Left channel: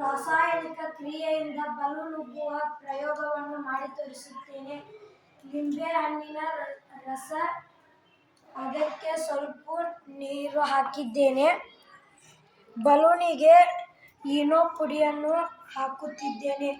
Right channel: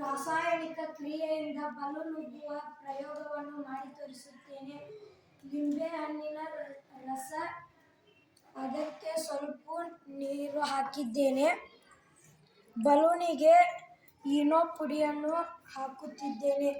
ರಾಸಾಯನಿಕ ಕ್ರಿಯೆಯಿಂದ ಬಲೂನುಬ್ಬುವ ಪ್ರಯೋಗವನ್ನು ಮಾಡಿ ತೋರಿಸುತ್ತೇನೆ. ಲಿಂಬೆಹಣ್ಣಿನ ರಸ, ಅದಕ್ಕೆ ಸ್ವಲ್ಪ ನೀರು ಹಾಕಿದ್ದೇನೆ. ಬಲೂನಿಗೆ ಈನೋ ಪುಡಿಯನ್ನು ಹಾಕುತ್ತಿದ್ದೇನೆ.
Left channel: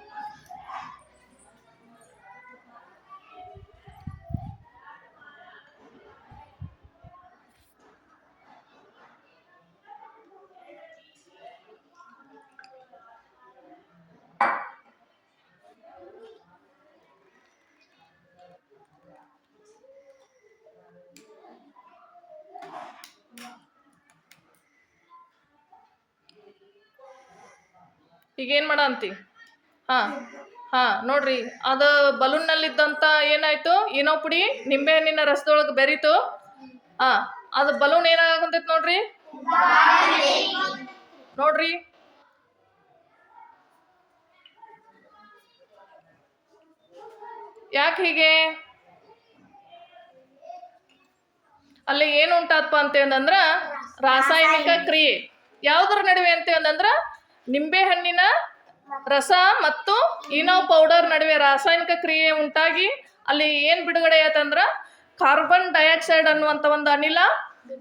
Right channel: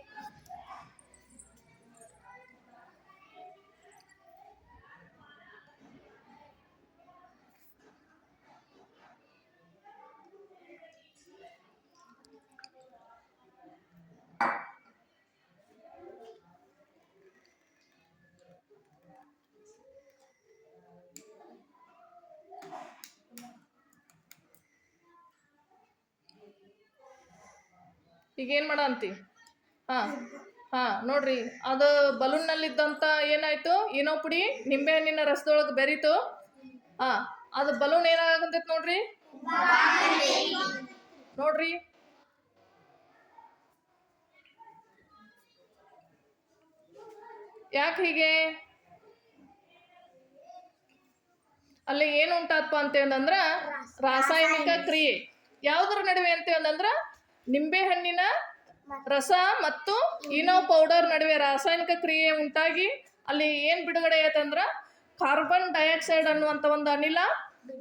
ಈಗೇನು ಮಾಡ ಅಂತಿ? ನೋಡ್ರಿ, ಅದು ಬಲೂನ್ನಲ್ಲಿದ್ದಂಥ ಏನಾಯ್ತು, ಏನೋ ಪುಡಿ ನಿಂಬೆಹಣ್ಣಿನ ರಸದೊಳಗೆ ಬೆರೀತು. ಅದು ಬಲೂನ್ ಏನಾಗಂತೈತಿ ನೋಡ್ರಿ. ನೋಡ್ರಿ, ಯಾಕೆ ಹೀಗೆ? ಅಲ್ಲಿ ಏನು ಉಂಟಾತ್ಪ ಅಂತಂದ್ರೆ ರಾಸಾಯನಿಕ ಕ್ರಿಯೆ. ಯಾವುದರ ನಡುವೆ ಅಂತಂದ್ರೆ ನಿಂಬೆಹಣ್ಣಿನ ರಸ ಮತ್ತು ಈನೋ ಪೌಡರ್ ನಡುವೆ ರಾಸಾಯನಿಕ ಕ್ರಿಯೆ ಉಂಟಾಗಿ ಅಲ್ಲಿ ಏನು ಬಿಡುಗಡೆ ಆಯ್ತಂದ್ರೆ ಕಾರ್ಬನ್ ಡೈಆಕ್ಸೈಡ್ ಅನ್ನುವಂಥ ಒಂದು ಅನಿಲ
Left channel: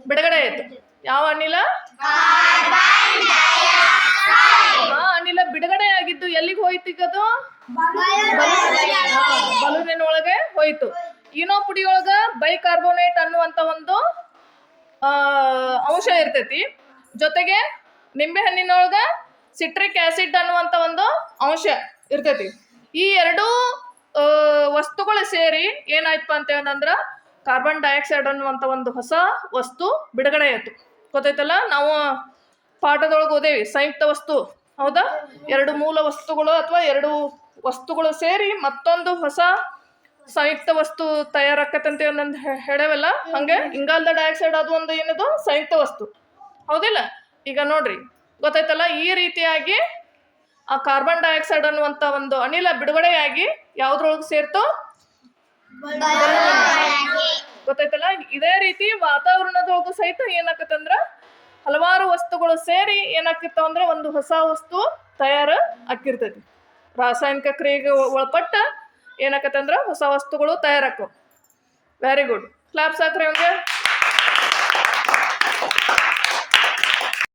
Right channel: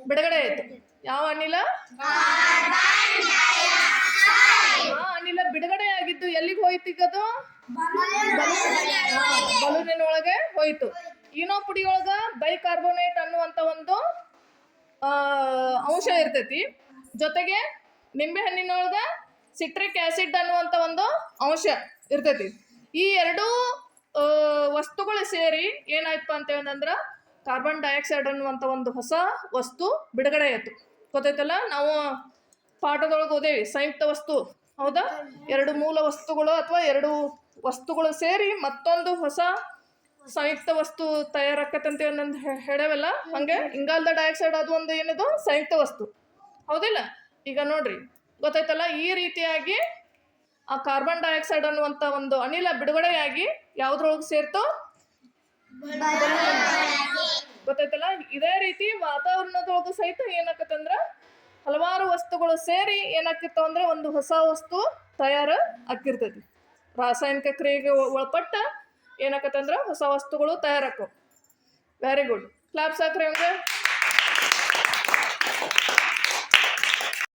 ಬಿಡುಗಡೆ ಆಯ್ತು. ಯಾವ ಅನಿಲ? ಆ ಅನಿಲ ಬಿಡುಗಡೆ ಆಗಿದ್ದು ಎಲ್ಲಿಗೆ ಹೋಯ್ತು? ಈಗ ಅದು ಬಲೂನಿನೊಳಗೆ ಹೋಯ್ತು. ಈನೋ ಪುಡಿಯೊಳಗ ಬೈಕಾರ್ಬೋನೇಟ್ ಅನ್ನುವಂಥ ಒಂದು ಅಂಶ ಇರ್ತೈತಿ. ಜೊತೆಗೆ ನಿಂಬೆಹಣ್ಣಿನೊಳಗ ಸಿಟ್ರಿಕ್ ಆಸಿಡ್ ಅನ್ನುವಂಥ ಒಂದು ಅಂಶ ಇರ್ತೈತಿ. ಈ ಎರಡೂ ವಸ್ತುಗಳು ಸೇರಿ ಏನಾಯ್ತಪ್ಪ ಅಂತಂದ್ರೆ ಕಾರ್ಬನ್ ಡೈಆಕ್ಸೈಡ್ ಅನ್ನುವಂಥ ಒಂದು ಹೊಸ ವಸ್ತು ಬಿಡುಗಡೆ ಆಯ್ತು. ಗೊತ್ತಾಯ್ತಲ್ಲ? ನಾವು ಪಾಠದೊಳಗೆ ಓದೇವಿ ಸಂಯುಕ್ತ ವಸ್ತು, ಹೌದಾ? ಎರಡು ಮೂಲ ವಸ್ತುಗಳು ಅಥವಾ ಎರಡು ವಸ್ತುಗಳು ಸೇರಿ ಮತ್ತೊಂದು ಹೊಸ ಸಂಯುಕ್ತ ವಸ್ತು ತಯಾರಾಕತ್ತಂತೆ ಒಂದೊಂದು ಹೇಳೇವಲ್ಲ. ಹಂಗೆ ಇಂಗಾಲದ ಡೈಆಕ್ಸೈಡ್ ಅದು ಒಂದು ಏನದು ಸಂಯುಕ್ತ ವಸ್ತು, ಹೌದಿಲ್ಲ? ಈಗ ನೋಡ್ರಿ, ಗೊತ್ತಾಯ್ತಲ್ಲ? ಈ ರೀತಿಯಾಗಿ ಆ ಕಾರ್ಬನ್ ಡೈಆಕ್ಸೈಡ್ ಅನ್ನುವಂಥ ಒಂದು ಅನಿಲ ಬಿಡುಗಡೆಯಾಗಿ ಯಾವ್ದ್ರೊಳಗೆ ಸೇರ್ತು? ಗೊತ್ತಾಯ್ತಲ್ಲ? ಇದೇ ರೀತಿ ವಾತಾವರಣದೊಳಗೂ ಸಹಿತ ಏನಾಕತ್ತಂದ್ರ ಹಲವಾರು ವಸ್ತುಗಳು ಸೇರಿ ಏನಾಕಿರ್ತಾವ ಅಂದ್ರೆ ಒಂದು ಹೊಸ ವಸ್ತು ತಯಾರು ಆಕಿರ್ತೈತಿ. ರಾಸಾಯನಿಕ ಕ್ರಿಯೆಗೆ ಒಳಪಟ್ಟ ಏನಾಕತ್ತಂದ್ರ ಹೊಸ ವಸ್ತುಗಳು ತಯಾರಾಕವು. Very good. ಕ್ಲಾಪ್ಸ್ ಹಾಕ್ರಿ ಅವ್ರಿಗೆ.